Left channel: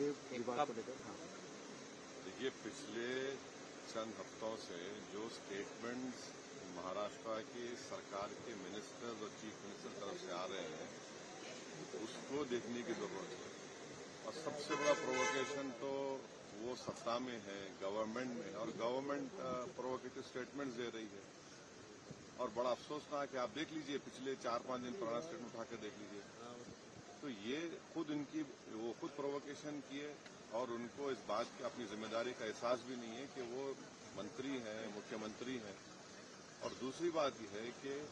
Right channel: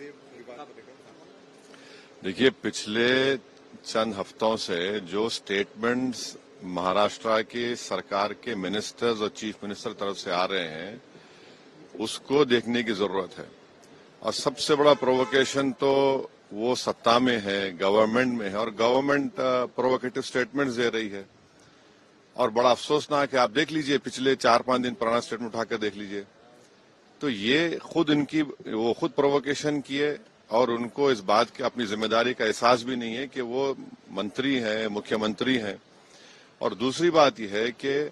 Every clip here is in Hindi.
औरंगजेब विवाद को लेकर? देखिए, पिछले चंद हफ्तों से जो स्टेटमेंट्स महाराष्ट्र की सरकार के मिनिस्टर्स और चीफ मिनिस्टर तरफ से आ रहे हैं उसको देखने की जरूरत है। और सबसे बड़ा प्रोवोकेशन तो वो सत्ता में है, गवर्नमेंट में है, और गवर्नमेंट प्रोवोकेटिव स्टेटमेंट्स दे रही है। और बड़ा अफसोसनाक है, आप देख लीजिए पिछले 4-5 दिन पुराना स्टेटमेंट उठाकर देख लीजिए, तो ये वो खुद प्रोवोकेशन किए और उनको इस बात की अपनी जिम्मेदारी का एहसास भी नहीं है कि वो मंत्री हैं, मुख्यमंत्री हैं। और दूसरी बात यह है कि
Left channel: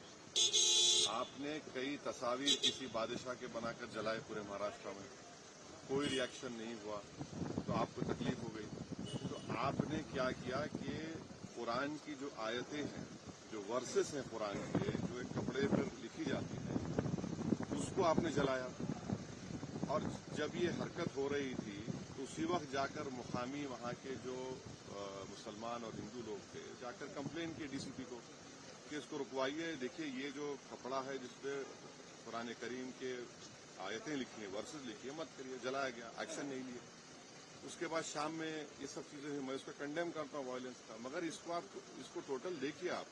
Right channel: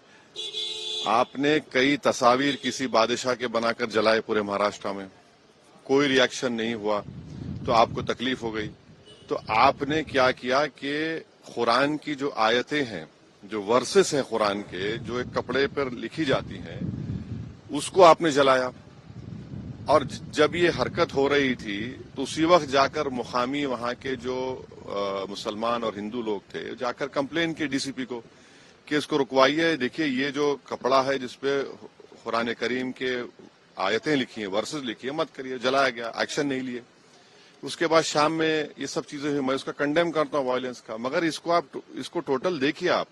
आपने कई तस्वीर किसी बादशाह के बनाकर जलाए पूरे महाराष्ट्र में, कोई रिएक्शन नहीं हुआ, तो आपको तकलीफ हो गई। तो आपने क्या किया कि कुरान की जो आयतें हैं, जो वर्सेस हैं कुरान के, जो एक कपड़े पर लिखी जाती हैं, उसको आपने जलाया। और जब ये हरकत हो रही थी तो उसी वक्त जाकर मुकामी वहां के जो मुसलमान और हिंदू लोग थे जाकर कंप्लेन की डीसीपी को कि इसको रुकवाइए। देखिए, ये जो कपड़ा है जिसपे कुरान करीम के आयतें लिखी हैं, वर्सेस लिखी है, मत करिए। जलाया गया, एक्शन नहीं लिए। उसके बाद शाम में ये सब चीजें हुई। मैं उसका कंडेम करता हूँ वायलेंस का, मगर इसको टोटल देखिए आप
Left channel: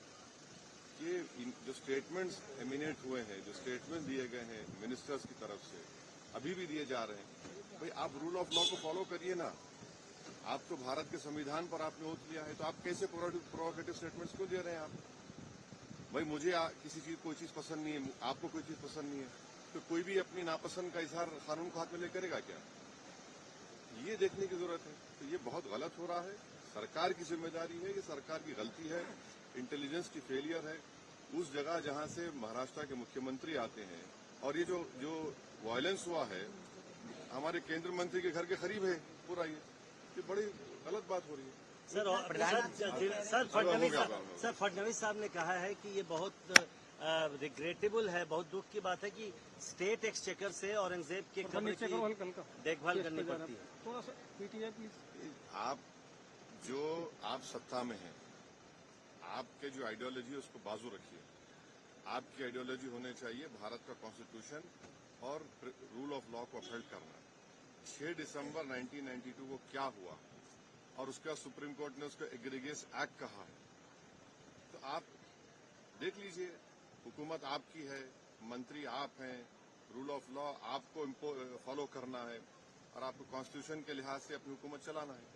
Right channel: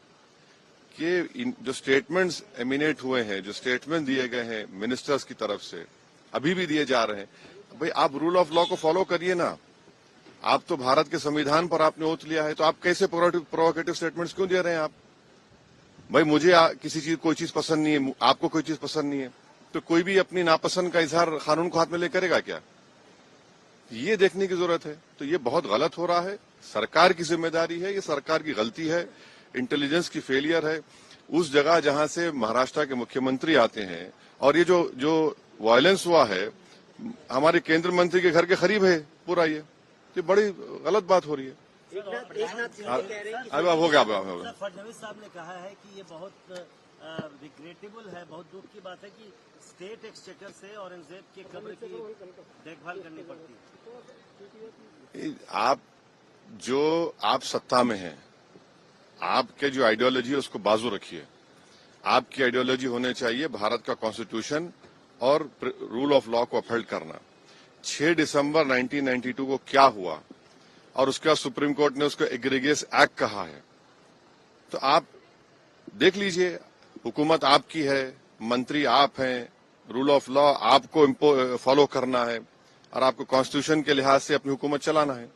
कि जो स्टेटमेंट्स एमिनेट हुए हैं, जो स्टेटमेंट दिए गए हैं मिनिस्टर्स की तरफ से, अभी भी दिए जा रहे हैं। भाई, आप रूल ऑफ लॉ को फॉलो करिए ना। आप तो भारत के संविधान पर आपने ओथ लिया है, तो आप कैसे प्रोवोकेटिव स्टेटमेंट्स क्यों दे रहे हैं आप? भाई, मुझे कोई चीज पसंद नहीं है, आपको कोई चीज पसंद नहीं है, तो कोई भी अपनी नापसंद का इजहार कानून को हाथ में ले करेगा क्या? ये देखने की जरूरत है। तो ये बहुत गलत हो रहा है। सरकार की जिम्मेदारी है, ये सरकार की गलती है, इंटेलिजेंस की फेलियर है। उस जगह जहां से महाराष्ट्र के मुख्यमंत्री आते हैं, और ये जो वायलेंस हुआ है हमारे केंद्रीय मंत्री के घर के करीब है पूरा, ये बड़ी गलत बात हो रही है। सर, हो गया। फडणवीस साहब ने कहा है कि ये बहुत रिग्रेटेबल है, बहुत दुख की बात है कि स्टेट एक्सचेकर से औरंगजेब के कब्र की देखभाल करनी पड़ती है। आप सत्ता में हैं, आपके जो आइडियोलॉजी है उसको बाजू रखिए। आपकी आइडियोलॉजी होने चाहिए भारत का कॉन्स्टिट्यूशन और रूल ऑफ लॉ को अपहोल्ड करना। 6 दिसंबर 1992 को क्या हुआ, और उसके बाद सुप्रीम कोर्ट ने उसको एग्रीगेस एक्ट कहा है। तो आप देख लीजिए, हुकूमत आपकी है, मंत्री आप हैं, रूल ऑफ लॉ आपको फॉलो करना है, और आपको कॉन्स्टिट्यूशन के लिहाज से अपनी हुकूमत चलाना है।